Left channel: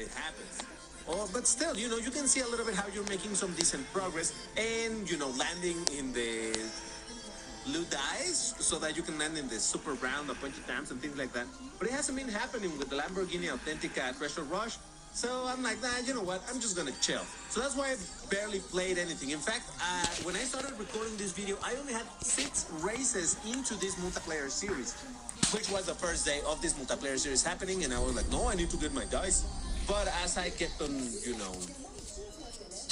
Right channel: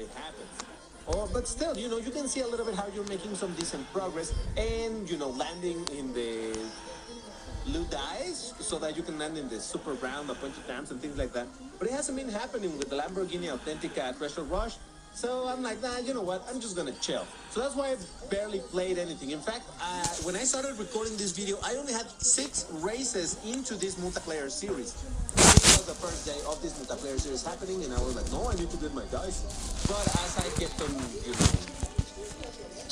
it happens. But still, you can see a little bit how you're making some decent progress and, landing in the blue dice so that you can land in the super round a bunch of times and things like that. But it hasn't been happening with the Lamborghini Authentica Treasure Rush. So I'm like, nah, you know what? I'm just gonna chill. So that's why I've barely played anything. In fact, when I started recording this video, I only had 6 races into this multiplayer series. This was the first day of this multiplayer series happening, and I was like, no, I need to get my dice. But as I kept on,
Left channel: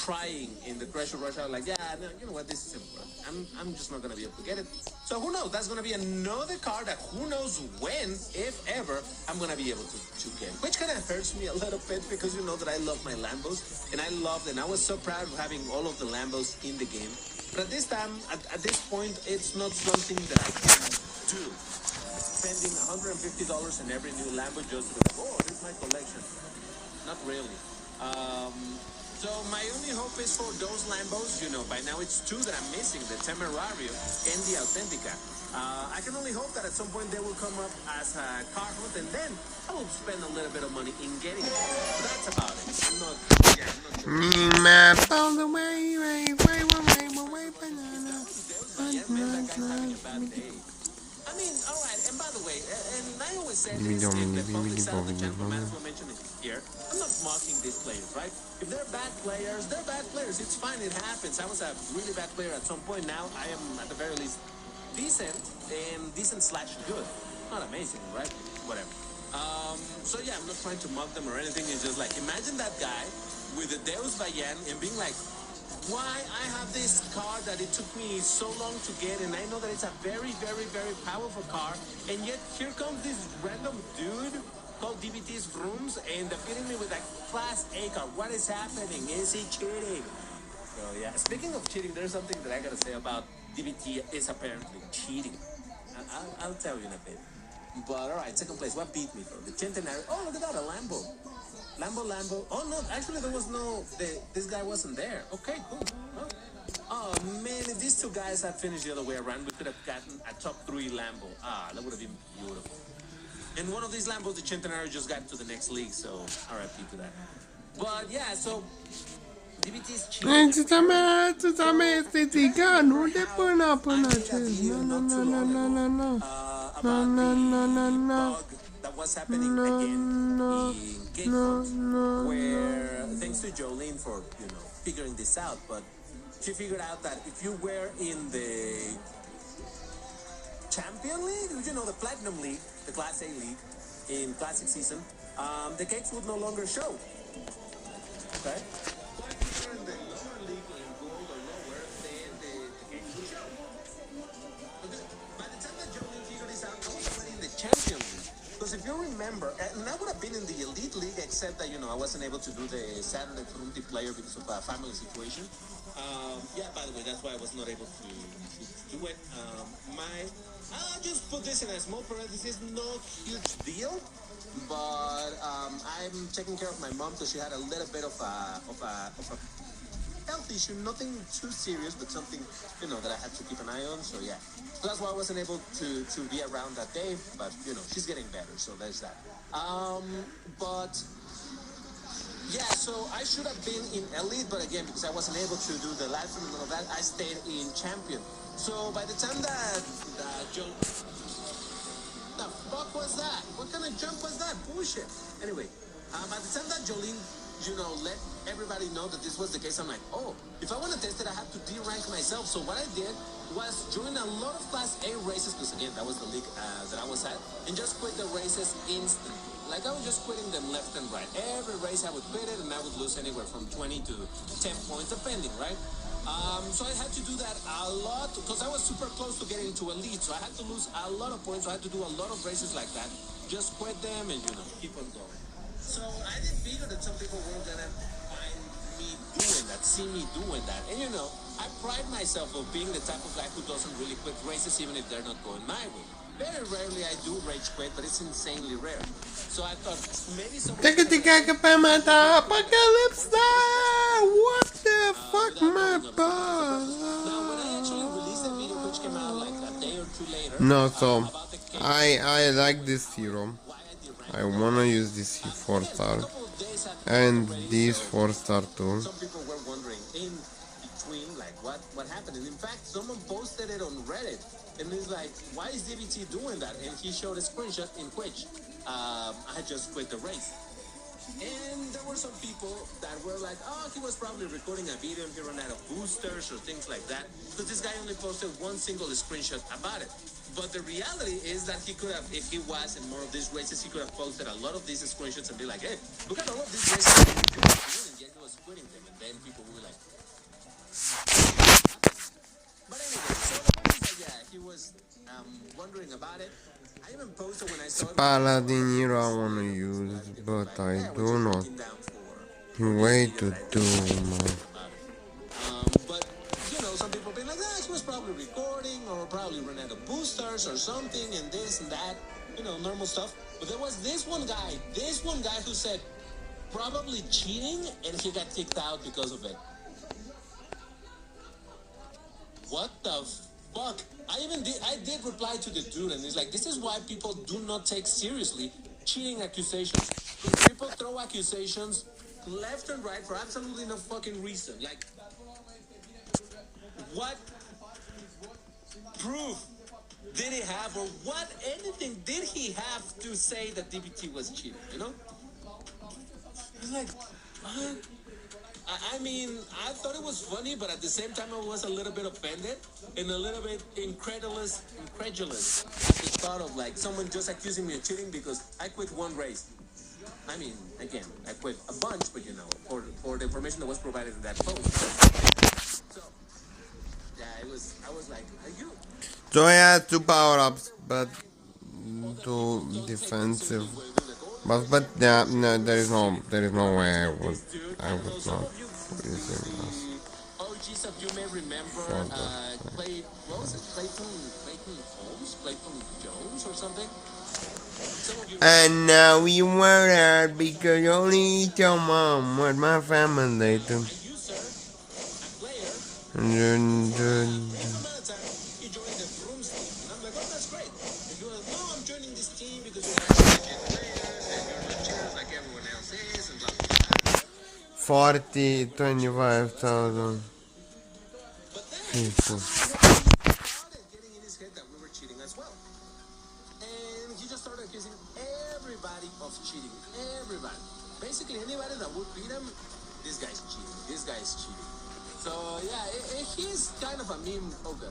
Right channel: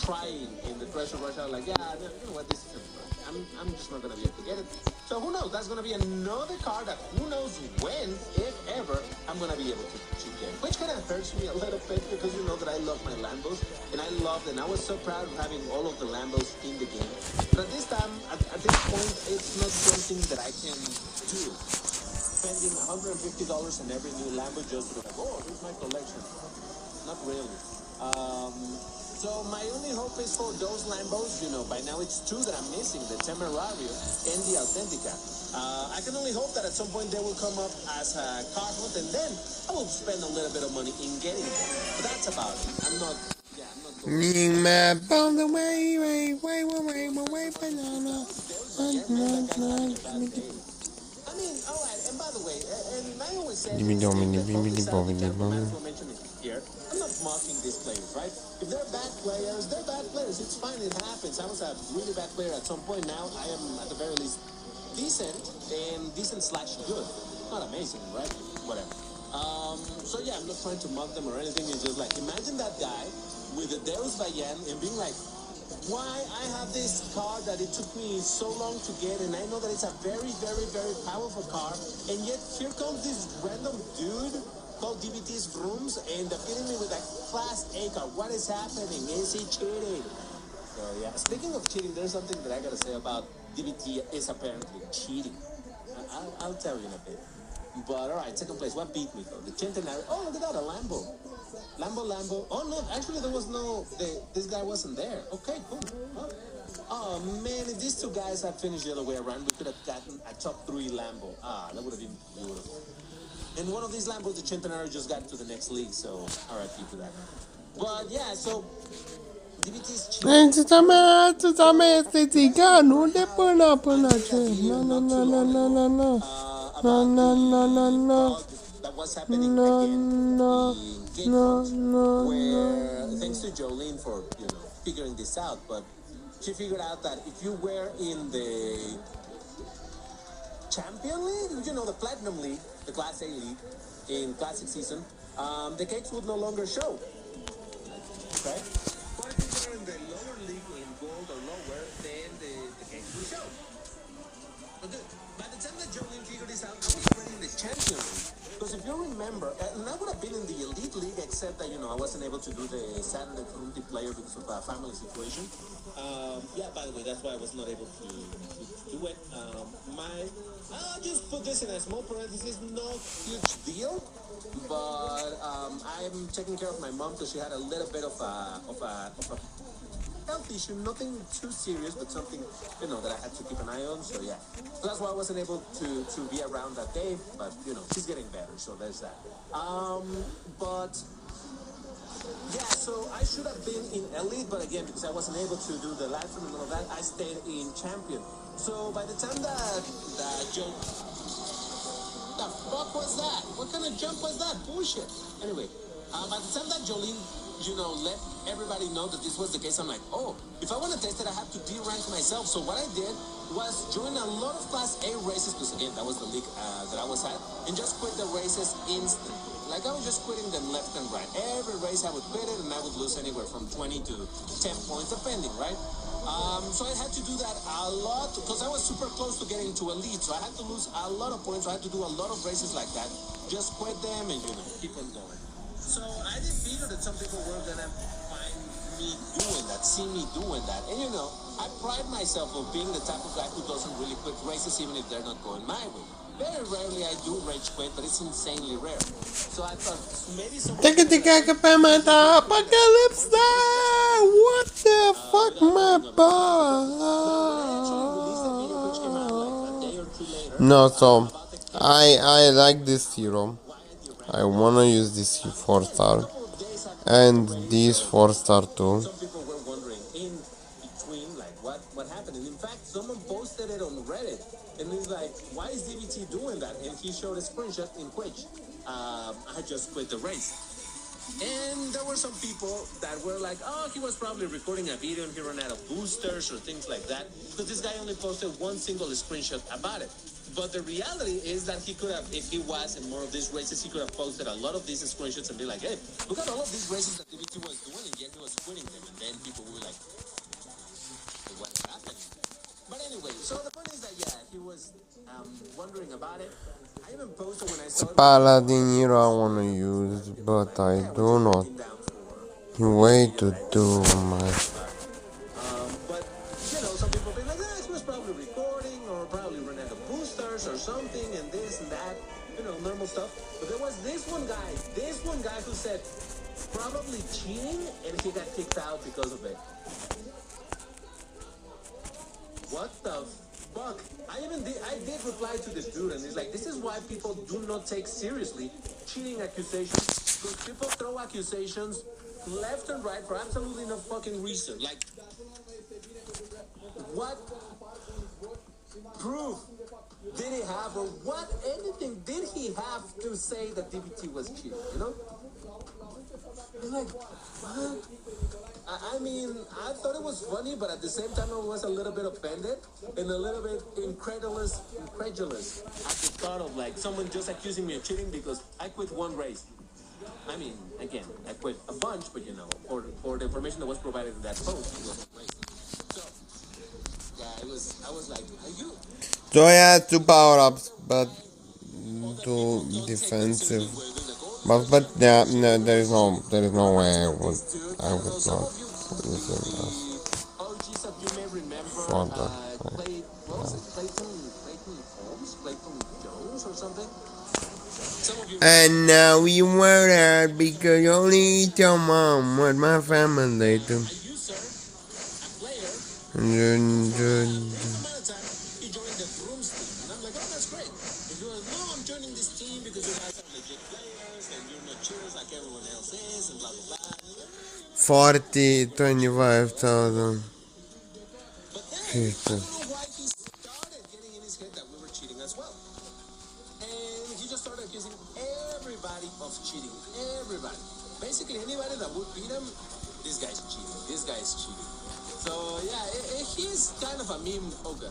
trying in the Treasure Rush, I was like, yeah, no, you know what? This is simple. I'm just not gonna be able to get it. So who knows? That's gonna be another car that who knows when, if ever, I'm gonna be able to get. Which kind of hurts me a little bit because you know that I love my Lambos and I loved and I was so proud of having all of the Lambos in the game. But at this time, at this point, it's not something that I can do. Spending $150 in every new Lambo just to be like, oh, this is my collection. Not really. So my only hope is for those Lambos, by now it's 2 that I'm missing, the Temerario and the Authentica. I can only hope that at some point they will come up as a car hunt, and then I will spend a little bit of money in getting them. But that's about it. I'm not on the way, banana. I mean, all right, and by the way, and I always say this in the public side of the camp, I might as well mention it here. I'm not mocking these players, right? If they're bad players, they're bad players. It's fine, it happens. I was a really bad player at some point. Now I am, at the very least, decent and decent/good. Not amazing, right? Whatever. So yeah, I'm not trying to mock them or anything. It's just like, imagine that guy with the Deus Vayan and being like, why I have this car that it took me so long to get, and I know that it's a very, very, very powerful car, and yet here comes this random dude called DBT's Rooms and defeating me with a Class A car. What is happening? Is he cheating? So yeah, speaking of cheating, there's something that I gotta say about DBT is apparently cheating. I'll tell you in a bit. But all right, second place. What beat me though? The Centenario. Oh, look at that, a Lambo. Lambo. Oh no, actually there was no. This guy wasn't there. Okay, cool. Huh? Oh man, if these 2 guys had finished the other way around, we could have gotten a top 3 Lambo. That would have been beautiful. And one of these Lambos, the Centenario, just got to the next league, so RIP to that. But yeah, so DBT's cheating. No. That was happening again in Gateford, where thanks to Jolene for figuring this out, but she figured out that if you were in the Champion League, the Platinum League, the Class A League in Classic Season, the cakes would no longer show. Okay? But if you were in the lower league in Gold or lower, then the cakes would show. But by the time that Jolene figured this out, I was already in the Champion League. Because if you remember, and I would have been in the Elite League, except that, I wasn't able to do the Saturday multiplayer because of a family situation. Yeah, by the way, that's why I was not able to do it. I just put this in a small parenthesis, no huge deal. But I'm taking care of my mom because she had a little bit of a health issue, nothing too serious, but something, that I had to keep an eye on. So yeah, so that's why I wasn't able to be around that day, but she's getting better, so there's that. But yeah, so I should have been in Elite, but again, because I wasn't able to do the live stream and all of that, I stayed in Champion. So by the time that Joe, the fuck was that? What kind of jump was that? Bullshit. Anyway, by the time that Jolene let everybody know that this was the case, I'm like, oh, if I want to test it, I have to de-rank myself. So what I did was join a lot of Class A races, because again, that was the league that I was at, and just quit the races instantly. Like, I was just quitting them left and right. Every race I would quit it, and I would lose anywhere from 20 to 10 points, depending, right? So I had to do that a lot, because I was super close to getting to Elite, so I had to lose a lot of points. So I had to do a lot of races like that. Just quit them and, keep on going. So I didn't figure that some people were gonna find me doing that, see me doing that. And I pride myself of being the type of guy who doesn't really quit races even if they're not going my way. Very rarely I do rage quit, but it's insanely rare. So I thought maybe someone... Apocalypse now! What the fuck, my boy? No, so I like this hero. I wanna use this 4-star. And this 4-star too. Some people were wondering in between, like, what happened. And in fact, someone posted it on Reddit, and it's like, why is DBT doing that? And he showed a screenshot in which I just quit the race. And there were some people that were like, oh, he was probably recording a video and he ran out of boosters or things like that, because this guy only posted one single screenshot about it. But the reality is that he could have, if he was in more of these races, he could have posted a lot of these screenshots and be like, hey, look at all of these races that he was doing, yet he was quitting them. And then people will be like, but anyway, so the point is that, yeah, he was wondering about it. I even posted when I saw it. Paladin hero I wanna use, but I do not. Way to do my. But, you know, some people be like, he was probably recording or probably running the boosters or something and this and that, you know, normal stuff. But there was this one guy who said, probably cheating, and he got kicked out because of it. What the fuck? I did reply to the dude, and he's like, this is why people do not take seriously cheating accusations. Because people throw accusations left and right for absolutely no fucking reason. Like, what proof did he have, or what anything did he have to say that DBT was cheating, you know? It's like, what? I mean, I thought it was funny, but at the same time, I was a little bit offended and a little bit incredulous at the thought of, like, someone just accusing me of cheating because I quit one race. I mean, again, I quit a bunch, but, you know, for the information that was provided in that post. So, yeah, I was like, are you? So I had 2 power-ups, but 2 defensive. But yeah, no, there is no way I would not use him OGs of you may remember for that. what was it? Clayton Jones or something? And now you were out because you only eat your mom with my family too. He joined the Brooms team, and I'm like, oh, that's great. And he goes, no, I'm joining this team because you're not legit players and you're not cheaters like everyone else is, and blah blah blah. 25,000 people. He started getting in his head that we were cheating as well. And he just started accusing everybody of cheating. Everybody. Basically, anybody that would beat him, this guy's cheating. This guy's cheating. So, yeah, he's kind of a meme. Okay.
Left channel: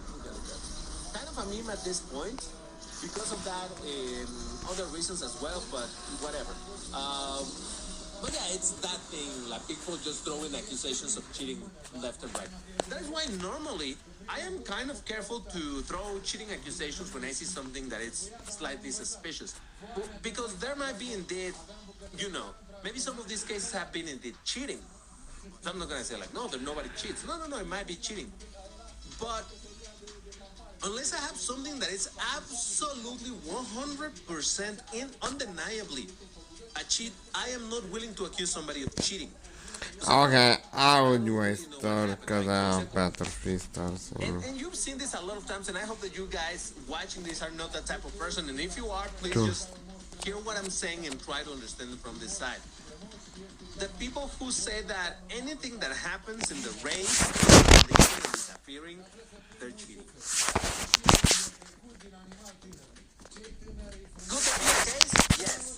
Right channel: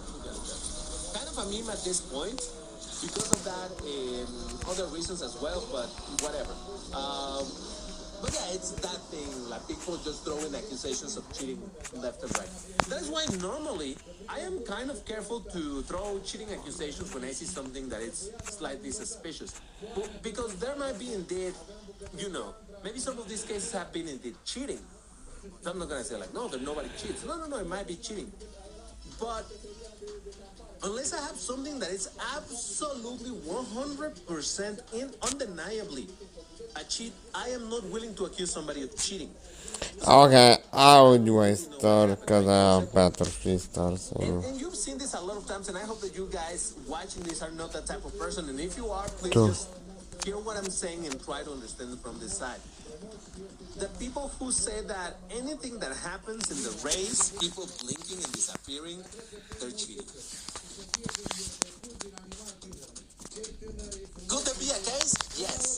Kind of a meme at this point because of that and other reasons as well, but whatever. But yeah, it's that thing, like people just throwing accusations of cheating left and right. That's why normally I am kind of careful to throw cheating accusations when I see something that is slightly suspicious. Because there might be indeed, you know, maybe some of these cases have been indeed cheating. So I'm not going to say like, no, that nobody cheats. No, it might be cheating. But unless I have something that is absolutely 100% undeniably a cheat, I am not willing to accuse somebody of cheating. Okay, I would waste star because I have better 3 stars. And you've seen this a lot of times, and I hope that you guys watching this are not that type of person. And if you are, please just hear what I'm saying and try to understand it from this side. The people who say that anything that happens in the race is blinking and disappearing, they're cheating. Could there be a case? Yes.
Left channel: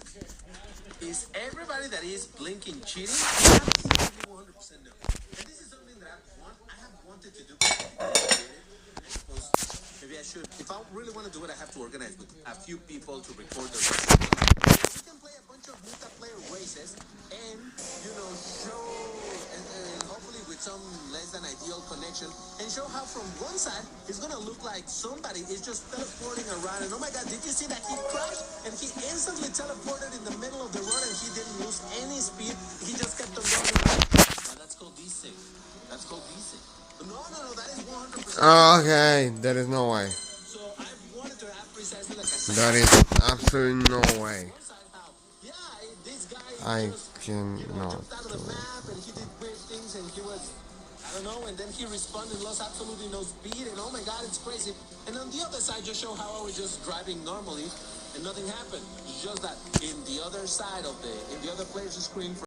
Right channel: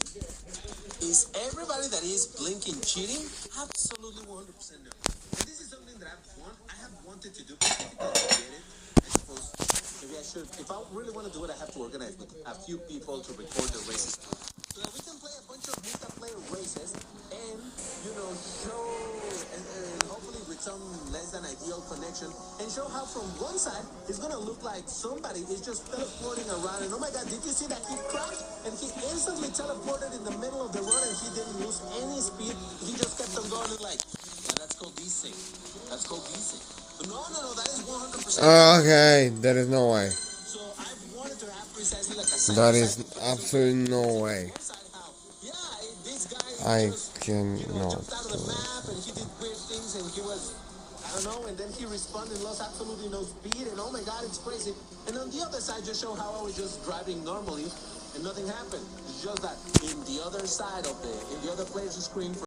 Is everybody that is blinking cheating? Absolutely 100% no. And this is something that I have wanted to do, but I never did it. I suppose maybe I should. If I really want to do it, I have to organize with a few people to record the races. We can play a bunch of multiplayer races and, you know, show, and hopefully with some less than ideal connection, and show how from one side it's going to look like somebody is just teleporting around. And oh my God, did you see that he crashed? And he instantly teleported in the middle of the road and he didn't lose any speed. He just kept on going like, now that's called desync. That's called desync. No, that is 100%. Okay, there is no way. So I wanted to have precisely like a There is absolutely no way. yeah, this guy I just, cannot jumped out of the map and he did weird things and he was, I don't know, and then he responded, lost absolutely no speed, and oh my God, it's crazy. And on the other side, just show how I was just driving normally and nothing happened. It's just that in the other side of in the other player's screen.